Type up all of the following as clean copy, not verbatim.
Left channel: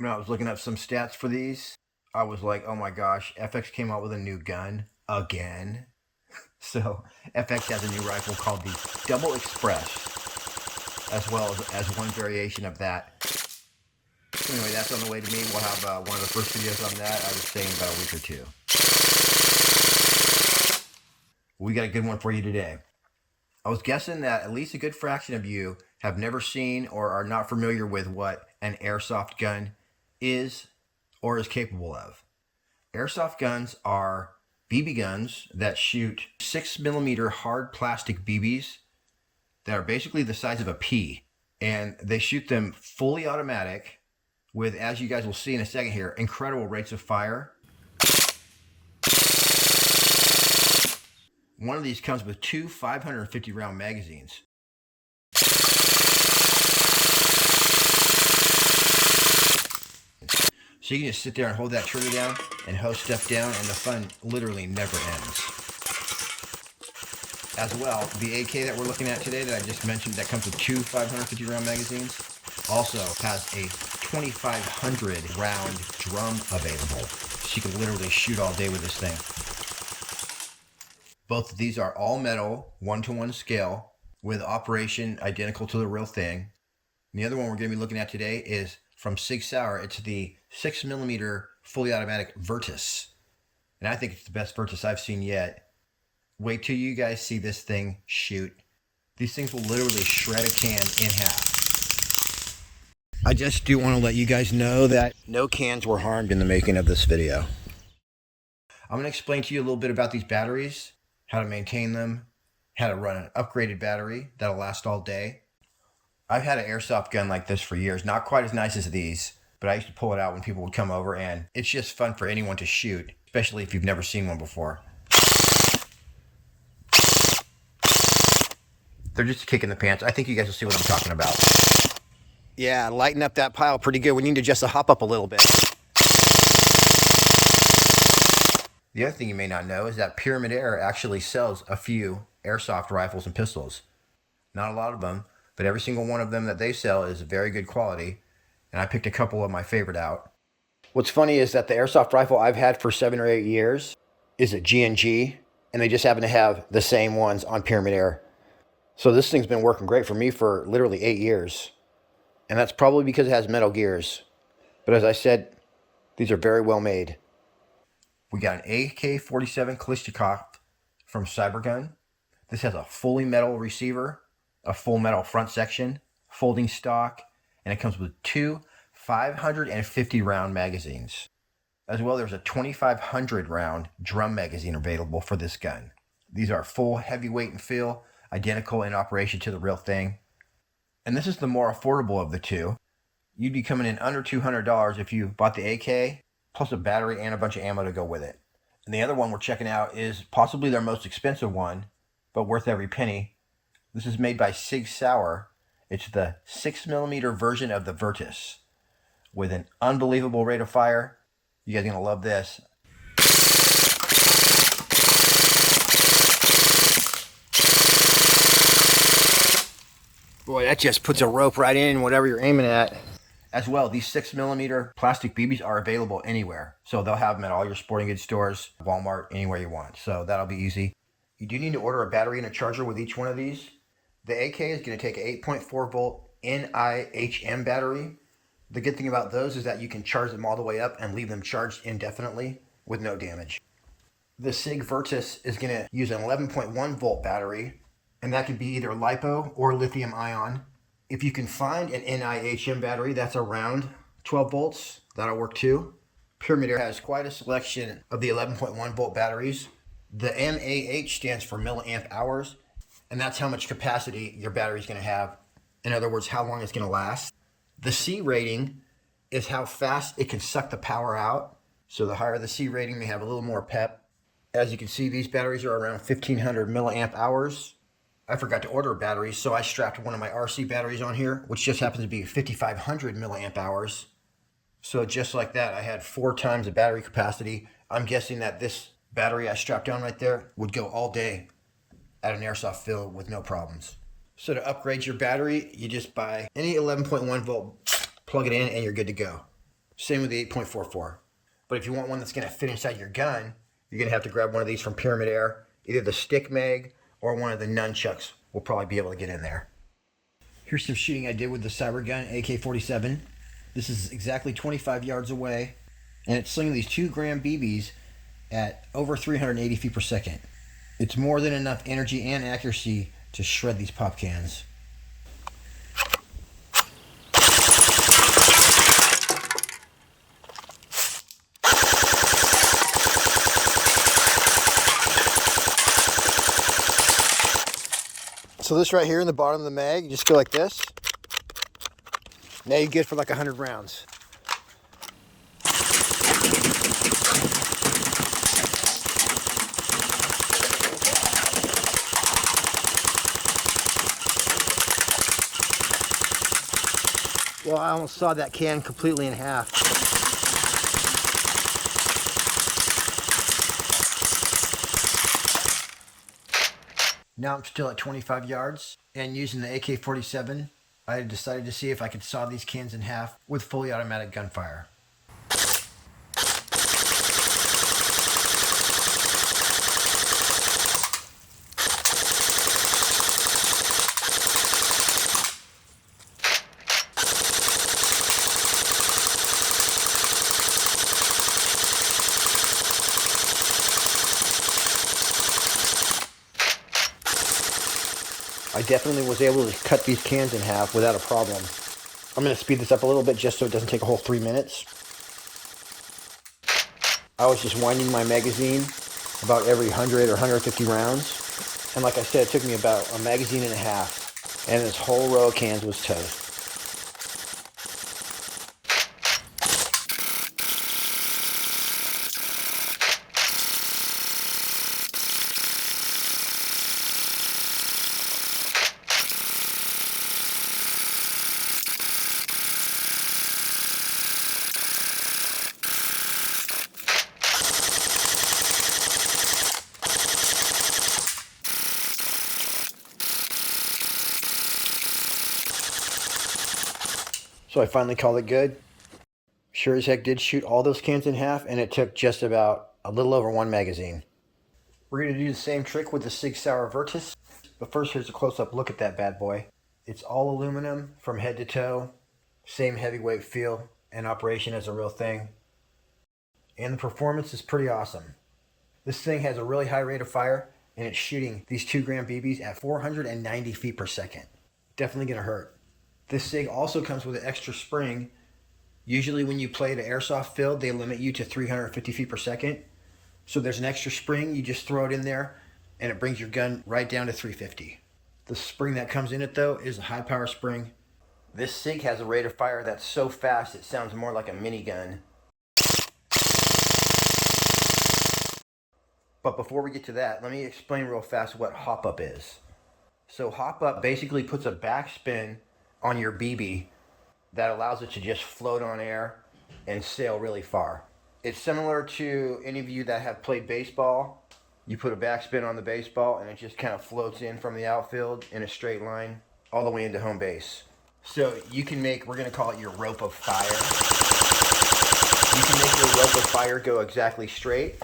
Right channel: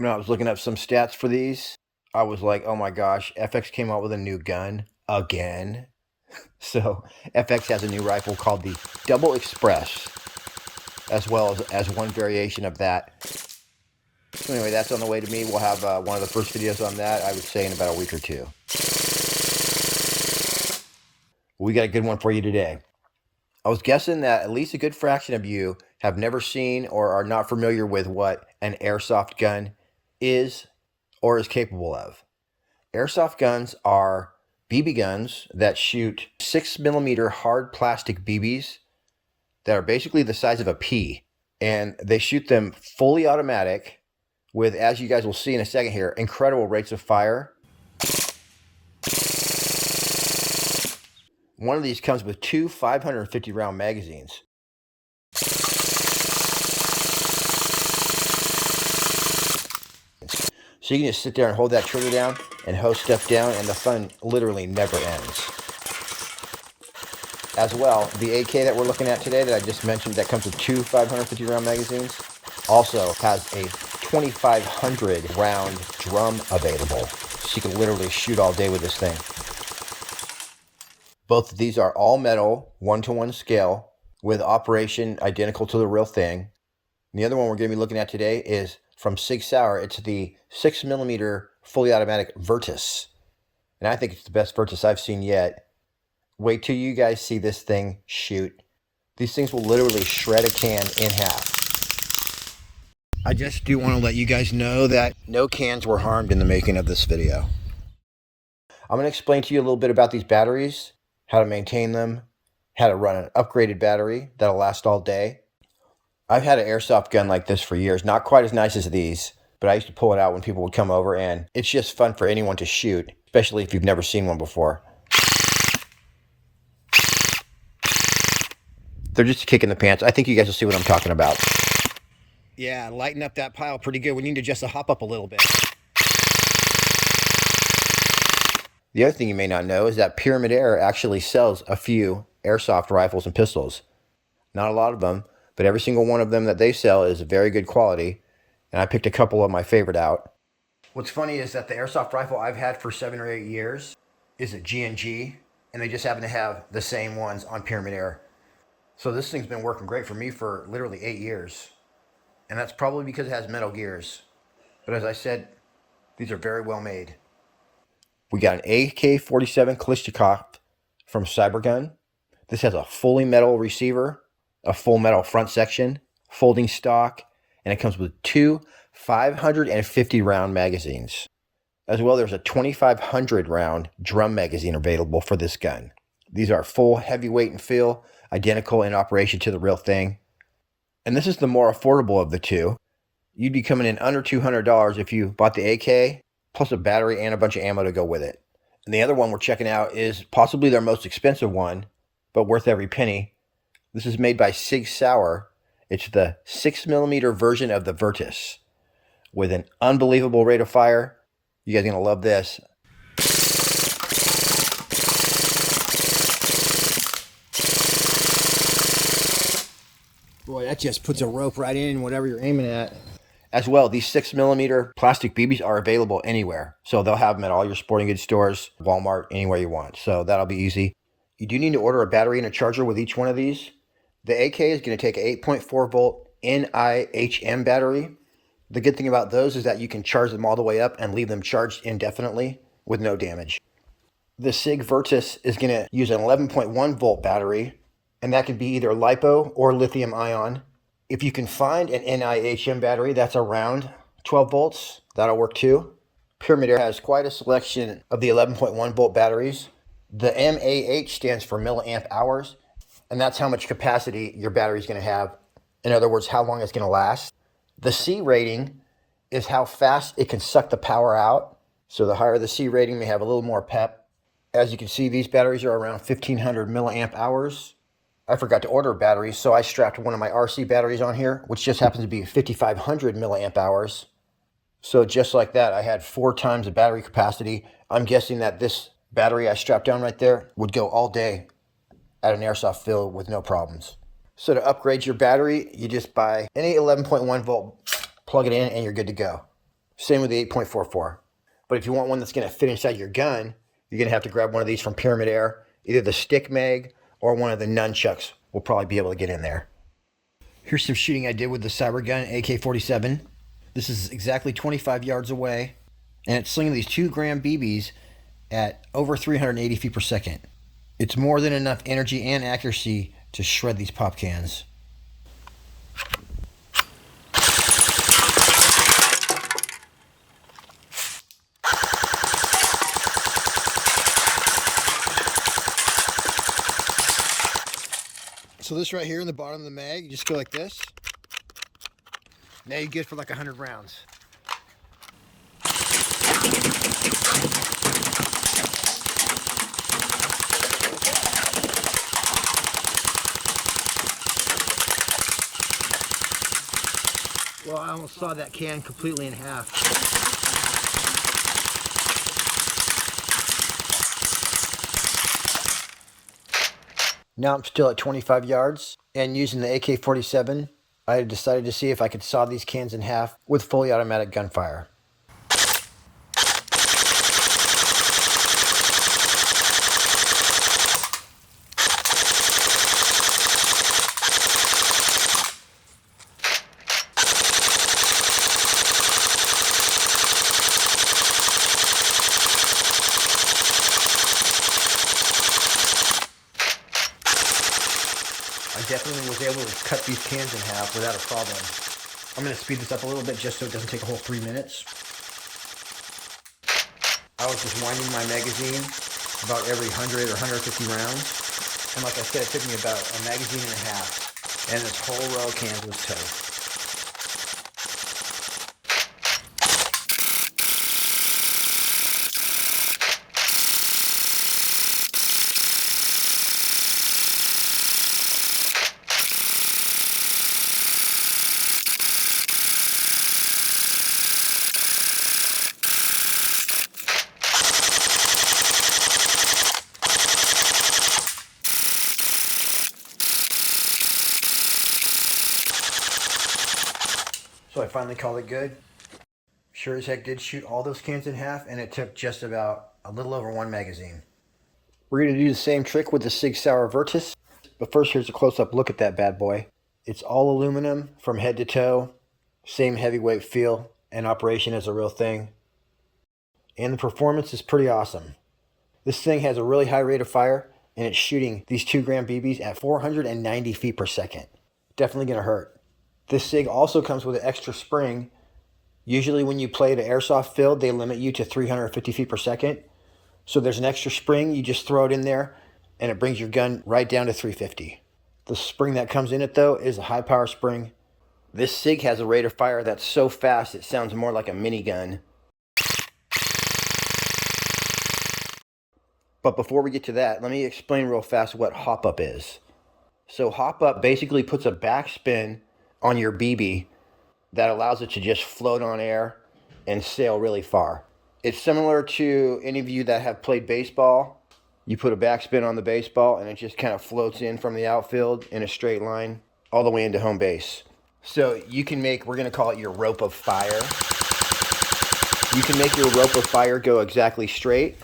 When I was looking up some stats for these, I was like, oh my gosh, FX came out with a new gun again. So FX has a new rifle called the Double Express, as well as one variation of that. So anyway, that's on the way to me. We'll have one of the first videos on that, I would say, in about a week or two. We got a good one for you today. I was guessing that at least a good fraction of you have never seen or are not familiar with what an airsoft gun is or is capable of. Airsoft guns are BB guns that shoot 6mm hard plastic BBs that are basically the size of a pea. And they shoot them fully automatic with, as you guys will see in a second here, incredible rates of fire. One of these comes with two 550 round magazines. So you can just sit there and hold that trigger down and hose stuff down, and the fun literally never ends. As well, the AK that we're looking at today that I just mentioned that comes with two 550 round magazines also has a 2,500 round drum available. So you can literally shoot all day with this thing. Both of these are all metal, 1-to-1 scale, with operation identical to the real thing. And the other one we're going to be looking at today is from Sauer. It's the 6mm fully automatic VIRTUS. And I think it's the best VIRTUS I've seen yet. Wait till you guys see this thing shoot. These things will literally shred a can in half. I just do want to let you guys know that no cans were harmed in the making of this video. I'm going to explain to you a little bit about these batteries, how to maintain them, how to run an upgraded battery that'll last all day. I've had an airsoft gun like this for years, not quite as nice as these, but I used to pull it out when people would come over, and it's just fun for anyone to shoot, especially if you've never seen one before. They're just a kick in the pants. I think you guys will see what I'm talking about. Yeah, lighten up that pile pretty good. We need to just hop up a little bit. The other thing you may not know is that Pyramid Air actually sells a few airsoft rifles and pistols. Not a lot of them, but every single one of them that they sell is very good quality, and I picked a couple of my favorite out. What's funny is that the airsoft rifle I've had for 7 or 8 years is a G&G, and they just happen to have the same ones on Pyramid Air. So this thing's been working great for me for literally 8 years, and that's probably because it has metal gears. But as I said, these are very well made. We got an AK47 Kalashnikov from Cybergun. This has a fully metal receiver, a full metal front section, folding stock, and it comes with two 550 round magazines. As well, there's a 2,500 round drum magazine available for this gun. These are full heavyweight and feel, identical in operation to the real thing. And this is the more affordable of the two. You'd be coming in under $200 if you bought the AK, plus a battery and a bunch of ammo to go with it. And the other one we're checking out is possibly their most expensive one, but worth every penny. This is made by Sauer. It's the 6mm version of the VIRTUS with an unbelievable rate of fire. You guys are going to love this. Boy, that just puts a rope right in whatever you're aiming at. As well, these 6mm plastic BBs are available anywhere. So they'll have them at all your sporting goods stores, Walmart, anywhere you want. So that'll be easy. You do need to order a battery and a charger with each one of these. The AK is going to take an 8.4 volt NIHM battery. The good thing about those is that you can charge them all the way up and leave them charged indefinitely with no damage. The SIG VIRTUS is going to use an 11.1 volt battery, and that can be either LiPo or lithium ion. If you can find an NIHM battery that's around 12 volts, that'll work too. Pyramid Air has quite a selection of the 11.1 volt batteries. The MAH stands for milliamp hours, and that's how much capacity your battery is going to have. In other words, how long it's going to last. The C rating is how fast it can suck the power out. So the higher the C rating, they have a little more pep. As you can see, these batteries are around 1,500 milliamp hours. I forgot to order batteries, so I strapped one of my RC batteries on here, which just happens to be 5,500 milliamp hours. So just like that, I had 4 times the battery capacity. I'm guessing that this battery I strapped down right there would go all day at an airsoft field with no problems. So to upgrade your battery, you just buy any 11.1 volt, plug it in, and you're good to go. Same with the 8.44. But if you want one that's going to fit inside your gun, you're going to have to grab one of these from Pyramid Air. Either the stick mag or one of the nunchucks will probably be able to get in there. Here's some shooting I did with the Cybergun AK47. This is exactly 25 yards away, and it's slinging these 2-gram BBs at over 380 feet per second. It's more than enough energy and accuracy to shred these pop cans. So this right here in the bottom of the mag, you just go like this. Now you get for like 100 rounds. Well, I almost sawed that can completely in half. Now I'm still at 25 yards, and using the AK-47, I decided to see if I could saw these cans in half with fully automatic gunfire. I definitely was able to cut these cans in half without a problem. I'm going to speed this up a little bit just so it doesn't take a whole 3 minutes. I was just winding my magazine about every 100 or 150 rounds. And like I said, it took me about a magazine and a half. And this whole row of cans was toast. So I finally called it good. Sure as heck did shoot all those cans in half, and it took just about a little over 1 magazine. We're going to do the same trick with the SIG Sauer VIRTUS, but first here's a close-up look at that bad boy. It's all aluminum from head to toe, same heavyweight feel, and operation is a real thing. And the performance is pretty awesome. This thing has a really high rate of fire, and it's shooting these 2-gram BBs at 490 feet per second. Definitely going to hurt. This SIG also comes with an extra spring. Usually when you play the airsoft field, they limit you to 350 feet per second. So there's an extra spring, you just throw it in there, and it brings your gun right down to 350. The spring that comes in it, though, is a high power spring. This SIG has a rate of fire that's so fast it sounds more like a minigun. But before we get to that, let me explain real fast what hop up is. So hop up basically puts a backspin on your BB that allows it to just float on air and sail really far. It's similar to any of you that have played baseball. You put a backspin on the baseball and it just kind of floats in from the outfield in a straight line all the way into home base. So you can make, we're going to call it your rope of fire. You can make your rope of fire go exactly straight.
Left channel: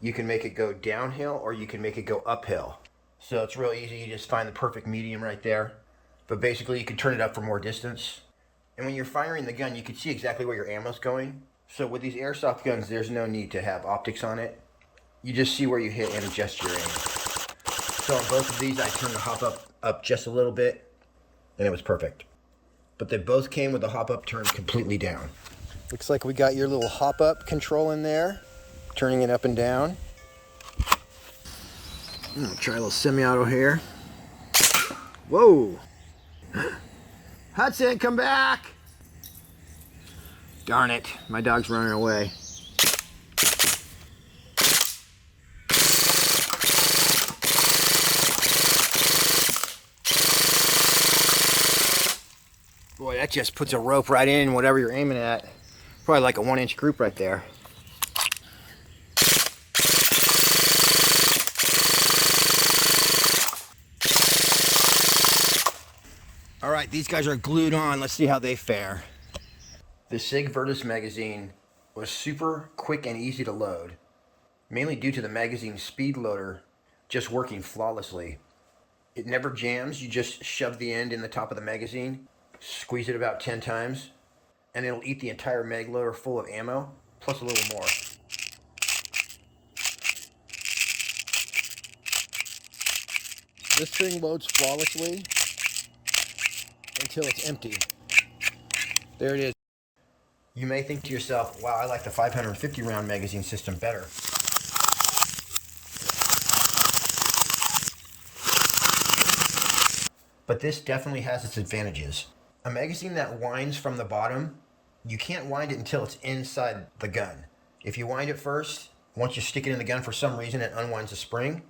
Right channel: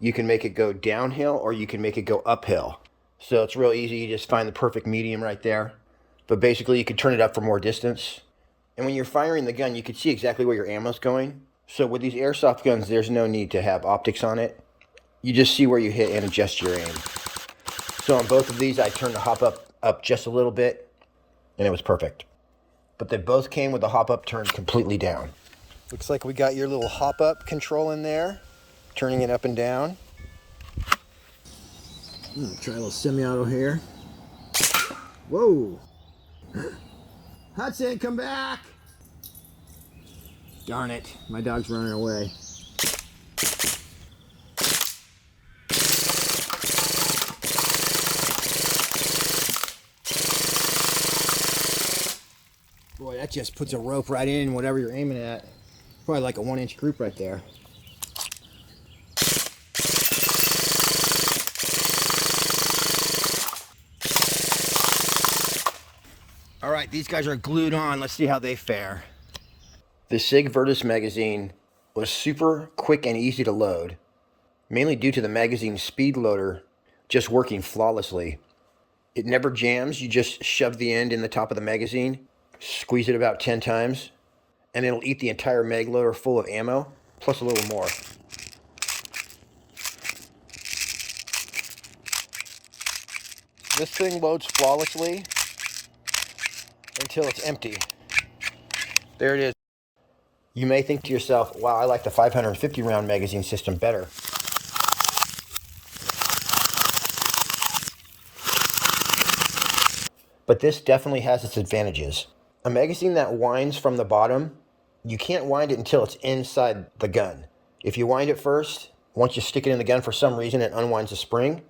You can make it go downhill, or you can make it go uphill. So it's real easy. You just find the perfect medium right there. But basically you can turn it up for more distance. And when you're firing the gun, you can see exactly where your ammo's going. So with these airsoft guns, there's no need to have optics on it. You just see where you hit and adjust your aim. So on both of these, I turned the hop up just a little bit, and it was perfect. But they both came with the hop up turned completely down. Looks like we got your little hop up control in there, turning it up and down. I'm gonna try a little semi-auto here. Whoa! Hudson, come back! Darn it, my dog's running away. Boy, that just puts a rope right in whatever you're aiming at. Probably like a 1-inch group right there. All right, these guys are glued on. Let's see how they fare. The SIG VIRTUS magazine was super quick and easy to load, mainly due to the magazine's speed loader just working flawlessly. It never jams. You just shove the end in the top of the magazine, squeeze it about 10 times, and it'll eat the entire mag loader full of ammo, plus a little more. This thing loads flawlessly until it's empty. There it is. You may think to yourself, wow, I like the 550 round magazine system better. But this definitely has its advantages. A magazine that winds from the bottom, you can't wind it until it's inside the gun. If you wind it first, once you stick it in the gun for some reason, it unwinds the spring.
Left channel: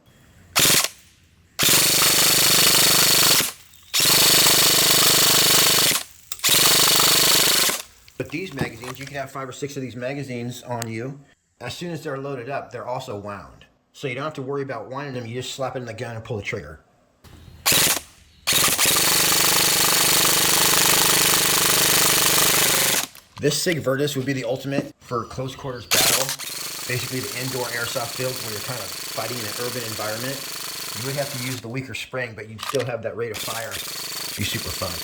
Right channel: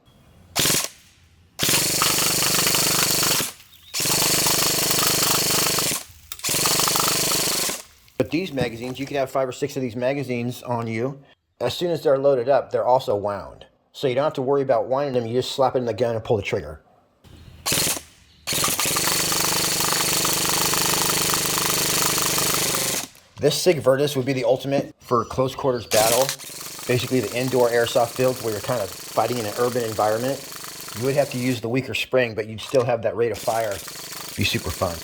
But these magazines, you can have 5 or 6 of these magazines on you. As soon as they're loaded up, they're also wound. So you don't have to worry about winding them, you just slap it in the gun and pull the trigger. This SIG VIRTUS would be the ultimate for close quarters battle. Basically the indoor airsoft fields where you're kind of fighting in an urban environment. You would have to use the weaker spring, but you'd still have that rate of fire. It'd be super fun.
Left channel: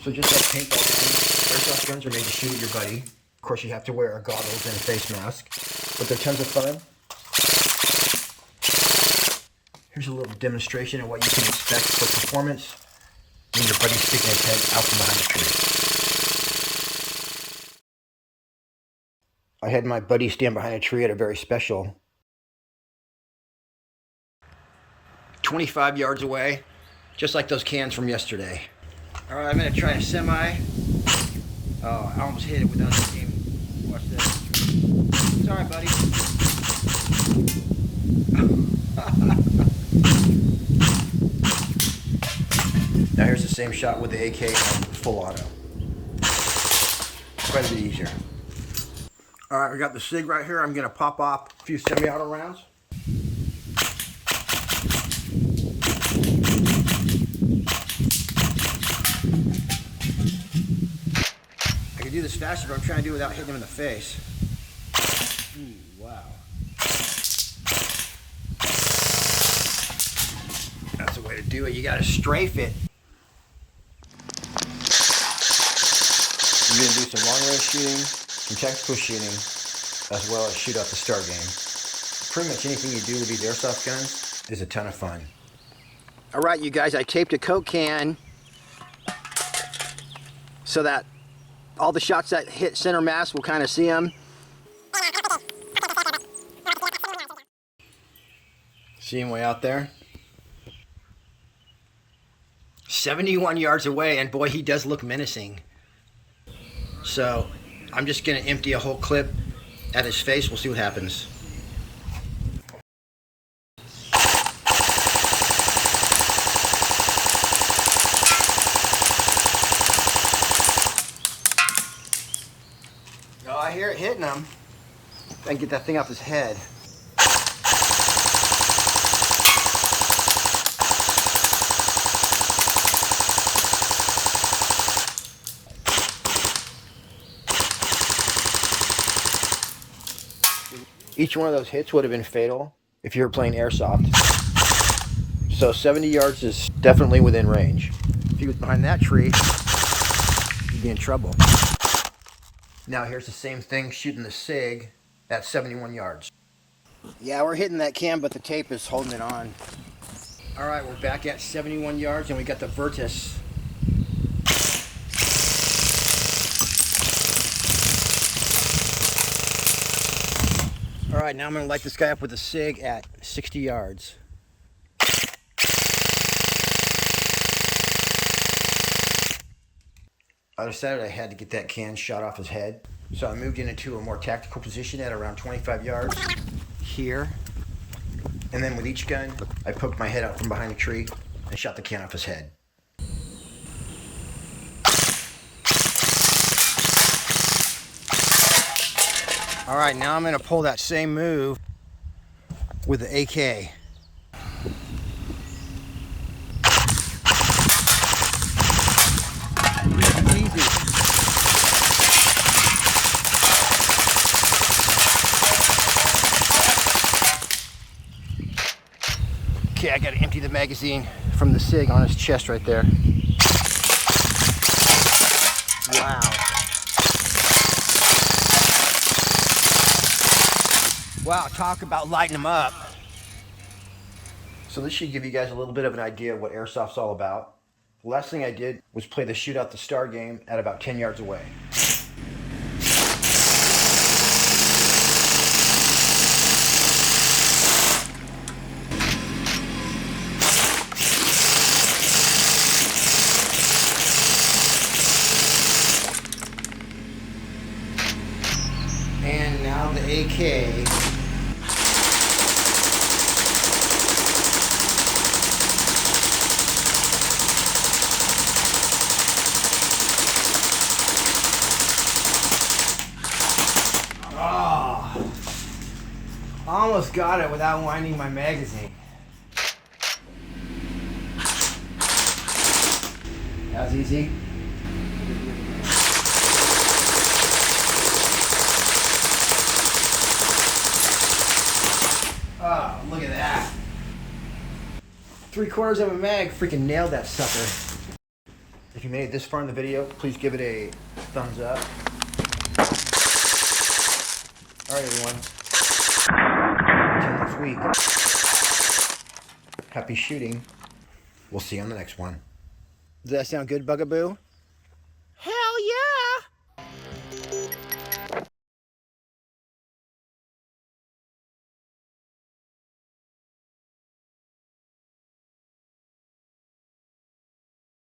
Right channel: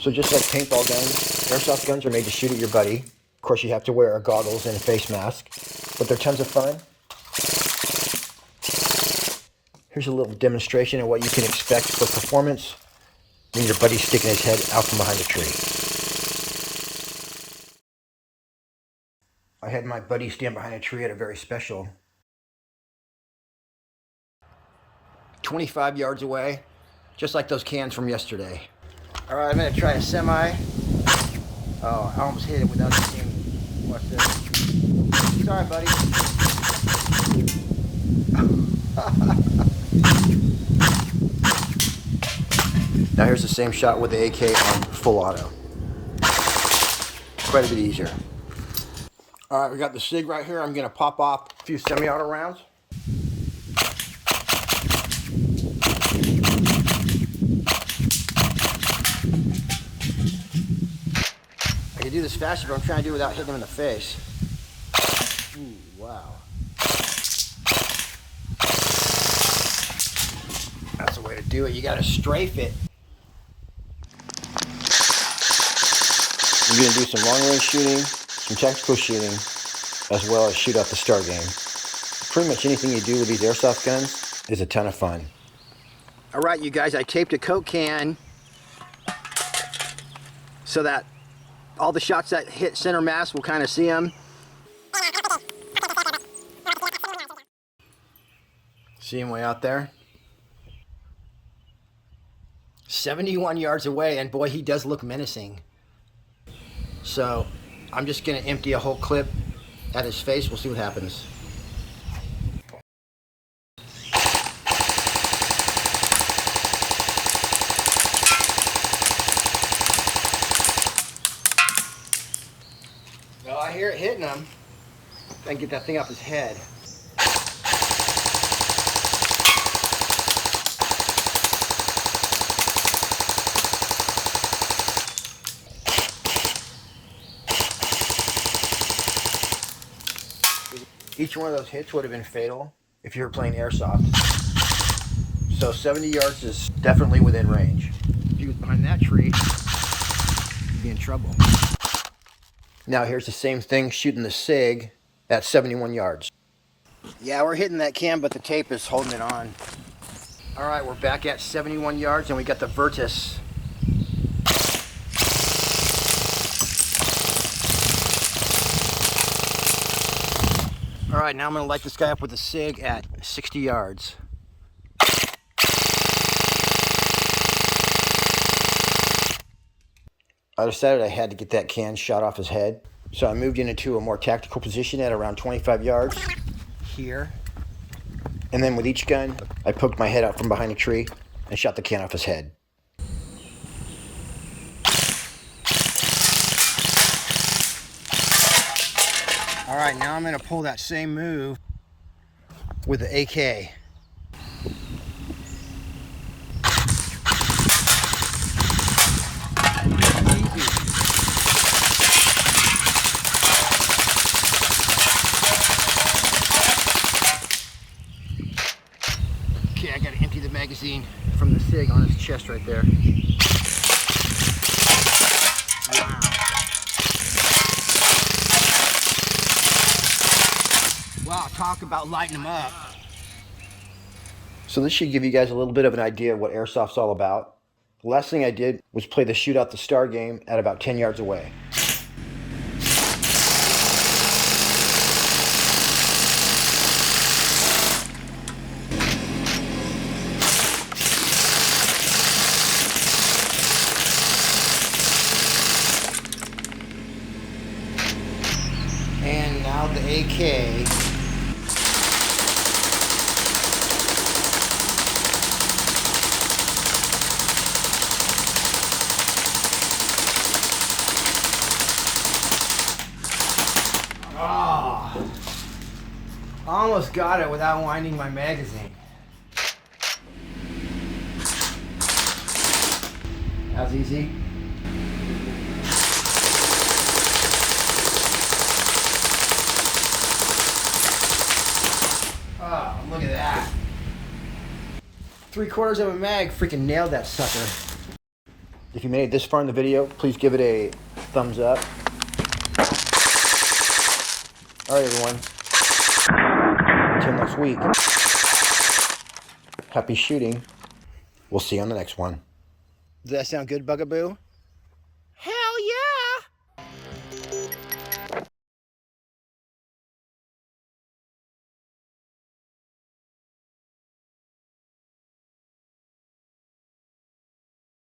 So just like paintball guns, airsoft guns are made to shoot at your buddy. Of course, you have to wear goggles and a face mask, but they're tons of fun. Here's a little demonstration of what you can expect for performance when your buddy's sticking his head out from behind a tree. I had my buddy stand behind a tree at a very special 25 yards away, just like those cans from yesterday. All right, I'm gonna try a semi. Oh, I almost hit it without even aiming. Watch this. It's all right, buddy. Now here's the same shot with the AK on full auto. Quite a bit easier. All right, we got the SIG right here. I'm gonna pop off a few semi-auto rounds. I can do this faster, but I'm trying to do it without hitting him in the face. Ooh, wow. That's the way to do it. You gotta strafe it. I'm gonna do some long-range shooting, some tactical shooting, as well as shoot out the star game. Pretty much anything you do with these airsoft guns is a ton of fun. All right, you guys, I taped a Coke can so that all the shots that hit center mass will kind of see them. See him way out there? 71 yards away, and boy, he does look menacing. So I'm just gonna empty a whole clip at his face. We'll see what happens. No, I hear it hitting him. Gotta get that thing off his head. Each one of those hits would have been fatal if you were playing airsoft. So 70 yards is definitely within range. If he was behind that tree, he'd be in trouble. Now here's the same thing shooting the SIG at 71 yards. Yeah, we're hitting that cam, but the tape is holding it on. All right, we're back at 71 yards, and we got the VIRTUS. All right, now I'm gonna light this guy up with a SIG at 60 yards. I decided I had to get that can shot off his head, so I moved into a more tactical position at around 25 yards here. And then with each gun, I poked my head out from behind a tree and shot the can off his head. All right, now I'm gonna pull that same move with the AK. Okay, I gotta empty the magazine from the SIG on his chest right there. Wow. Wow, talk about lighting them up. So this should give you guys a little bit of an idea of what Airsoft's all about. The last thing I did was play the Shoot Out the Star game at about 10 yards away. And now the AK. Oh, almost got it without winding my magazine. That was easy. Oh, look at that. 3/4 of a mag, freaking nailed that sucker. If you made it this far in the video, please give it a thumbs up. Alright everyone, until next week, happy shooting. We'll see you on the next one. Does that sound good, Bugaboo?